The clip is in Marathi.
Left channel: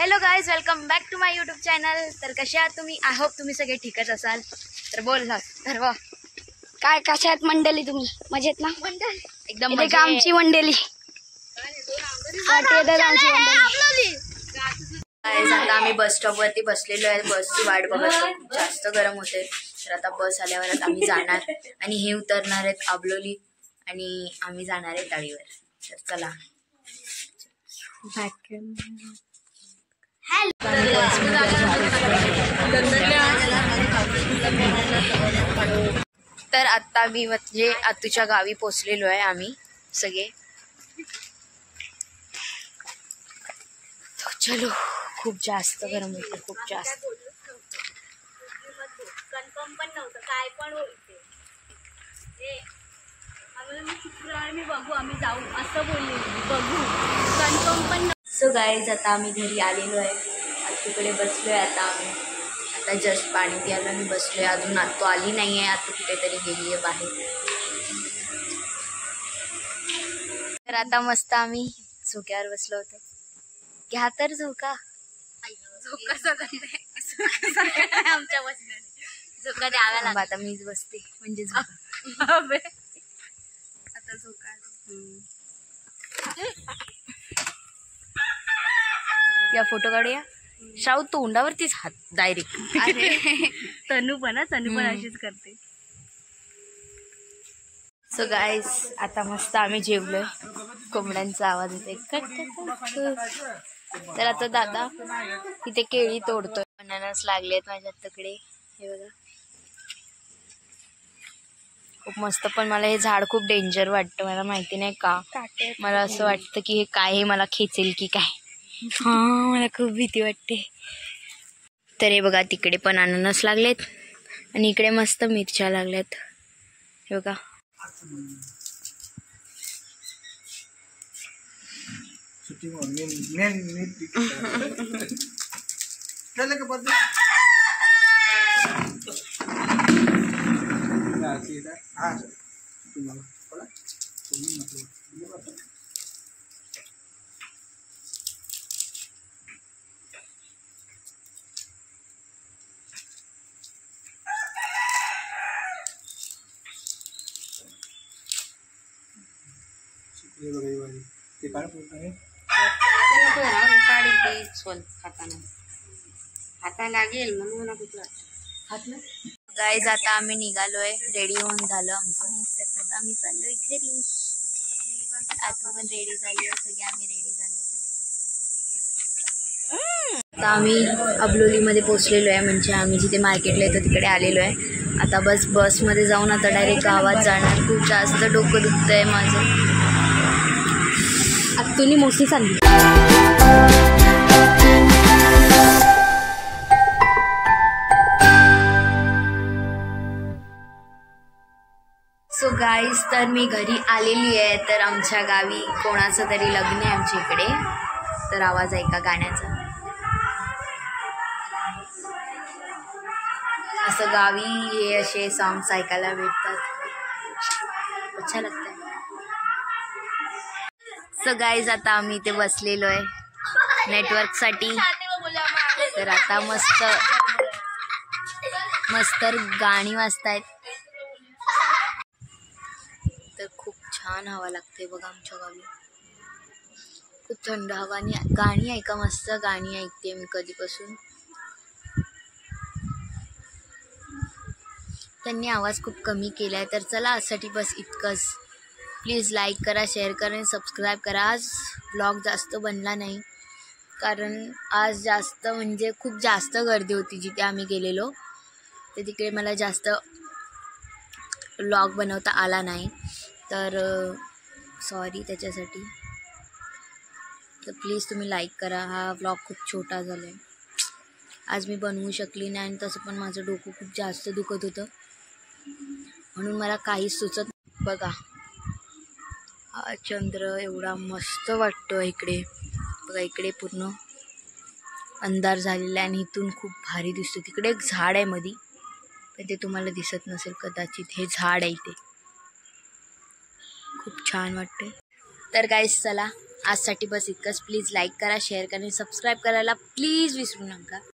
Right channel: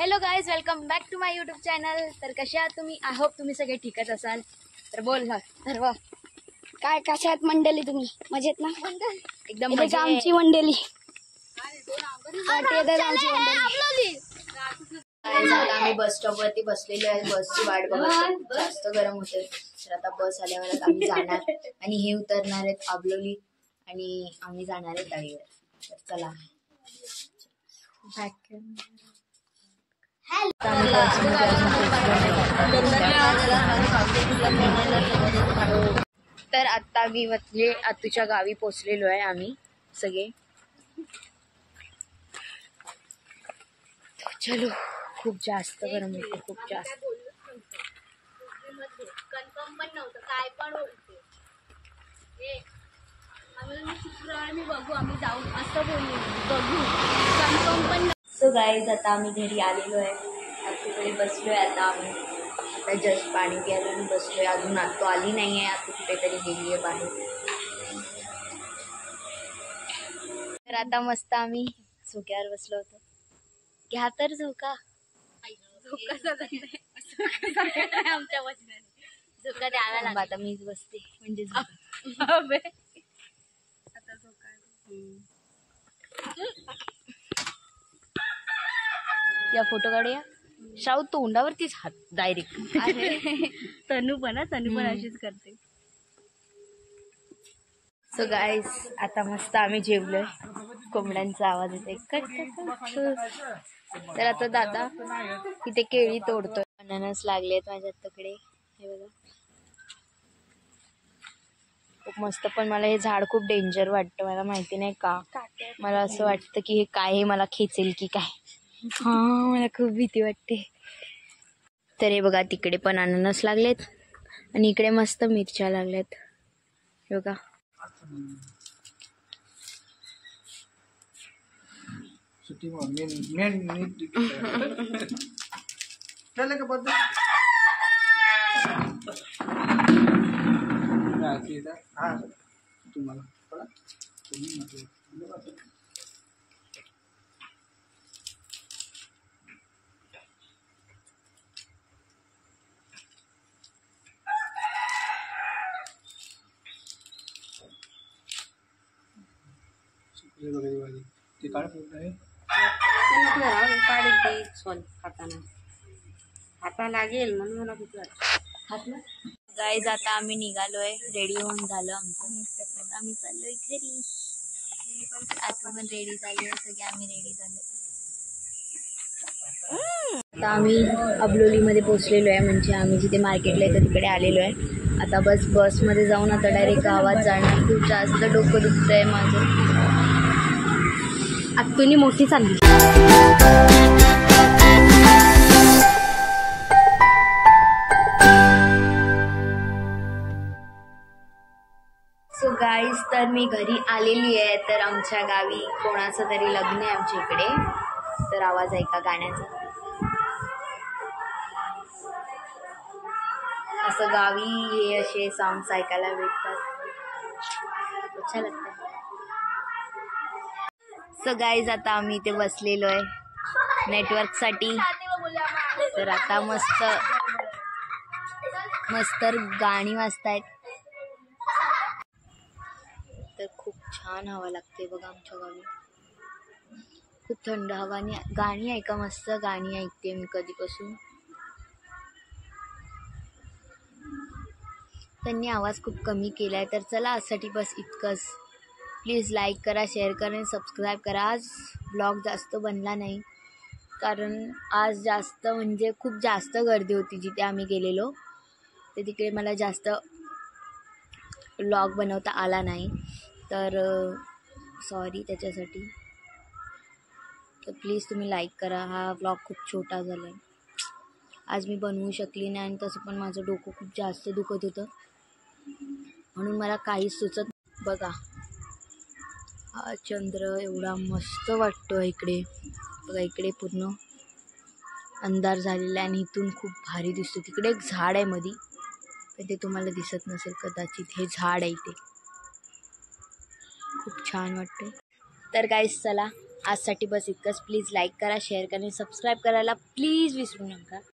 Hello guys, welcome back to my YouTube channel. तर कसे आहात तुम्ही? आय होप तुम्ही सगळे ठीकच असाल. तर बोल ना ठरवा, काय कशा आहेत मंडळी? तुम्ही मजेत ना? एकदम इथे का आमची मंडळी. आता आम्ही बस स्टॉप वरती बसलेलो आहे. बसची वाट बघत आहे. खूप जास्त गरम होते. तर आता बस आल्यावरच आम्ही जाणार आणि हे उतरणार आहेत आबलोली आणि आम्ही जाणार आहे तळीवर. तर चला. तर आता मी म्हणजे आतूच्या गावी पोचलेलो आहे आम्ही सगळे. चलो, खूप जास्त गरम होते, खूप जास्त. कन्फर्म पण नव्हतं काय पण होते. आम्हाला शुक्रवारी बघू, आम्ही जाऊ असं बोललो. बघू कन्फर्म पण. सो गाईज, आता आम्ही घरी आलेलो आहे. तिकडे बसलोय आता आम्ही. आता जस्ट पाणी प्यायला मी बसलोय. अजून आत्तू आली नाही आहे. आत्तू कुठेतरी गेली आहे बाहेर. तर आता मस्त आम्ही झोक्यावर बसलो होतो. घ्या तर झोका. झोका सगळं नाही आमच्या बसण्याने झोका द्यावा लागला. आता मीच बसते म्हणजे आता झोका. या फोटो काढूया. शाहू तोंडावरतीच हात डायरेक्ट. तनू पण अशीच करते. सो गाईज, आता मस्त आम्ही जेवलोय. कोंबड्यांचा आवाज येते कट कट. तर आता दादा इथे केळी तोडतोय. अननस लागलेत माझ्या तकडे, हे बघा. खूप मस्त. पण मला हे झाड खूप डेंजर वाटतं. मला माहिती नाही का. मला असं वाटतं की हे काय, हे मला खेचेल की काय. हा, मला खूप भीती वाटते. तर हे बघा, तिकडे पण अननस लागलेत आणि इकडे मस्त मिरच्या लागल्यात, हे बघा. गाईज, आता आम्ही निघालोय. रेडी होऊन झालं आमचं. आता आम्ही चाललोय घरी. आता पण रेडी झाली आहे सगळे. आम्ही रेडी झालो. आता आम्ही अबलोलीमध्ये पोचलेलो आहे. म्हणजे आम्ही जिथे मार्केटला येतो तिकडे आलेलो आहे. आता बसमध्ये जाऊन आता डायरेक्ट गावात जाणार. खूप जास्त डोकं दुखतंय माझं. आत्तूनी मोठी चालली. सो गाईज, तर मी घरी आलेली आहे. तर आमच्या गावी कोणाचं तरी लग्न आहे आमच्या इकडे. तर आवाज ऐका गाण्याचा. असं गावी हे असे सॉंग्स ऐकायला भेटतात. अच्छा लगता है. सो गाईज, आता आम्ही इथे बसलेलो आहे नेटवर्कसाठी. तर आता मस्त मस्त गाणी वाजतायत. तर खूप छान हवा लागते बघा आमच्या गावी. खूप थंड हवा आणि गाणी ऐका. मस्त गाणी ऐकते मी कधीपासून. त्यांनी आवाज खूप कमी केला आहे. तर चला, आजसाठी बस इतकंच. प्लीज लाईक करा, शेअर करा आणि सबस्क्राईब करा. आज ब्लॉग जास्त बनला नाही कारण आज जास्त म्हणजे खूप जास्त गर्दी होती जिथे आम्ही गेलेलो. तर तिकडे मला जास्त ब्लॉग बनवता आला नाही. तर सॉरी त्याच्यासाठी. तर प्लीज तुम्ही लाईक करा. हा ब्लॉग खूप छोटा झाला आहे. आज मी बनवू शकली नाही आणि तसं पण माझं डोकं खूप जास्त दुखत होतं म्हणून मला काहीच सुचत. बघा, हा चंद्र एवढा मस्त वाटतो इकडे. बघा, इकडे पूर्ण अंधार झालेला आहे आणि इथून खूप भारी दिसतो. तिकडे एक झाड आहे मधी, पण ते तुम्हाला दिसत नसेल कदाचित. हे झाड आहे इथे. खूप छान वाटते. तर गाईस, चला आजसाठी बस इतकंच. प्लीज लाईक करा, शेअर करा आणि सबस्क्राईब करायला प्लीज विसरू नका.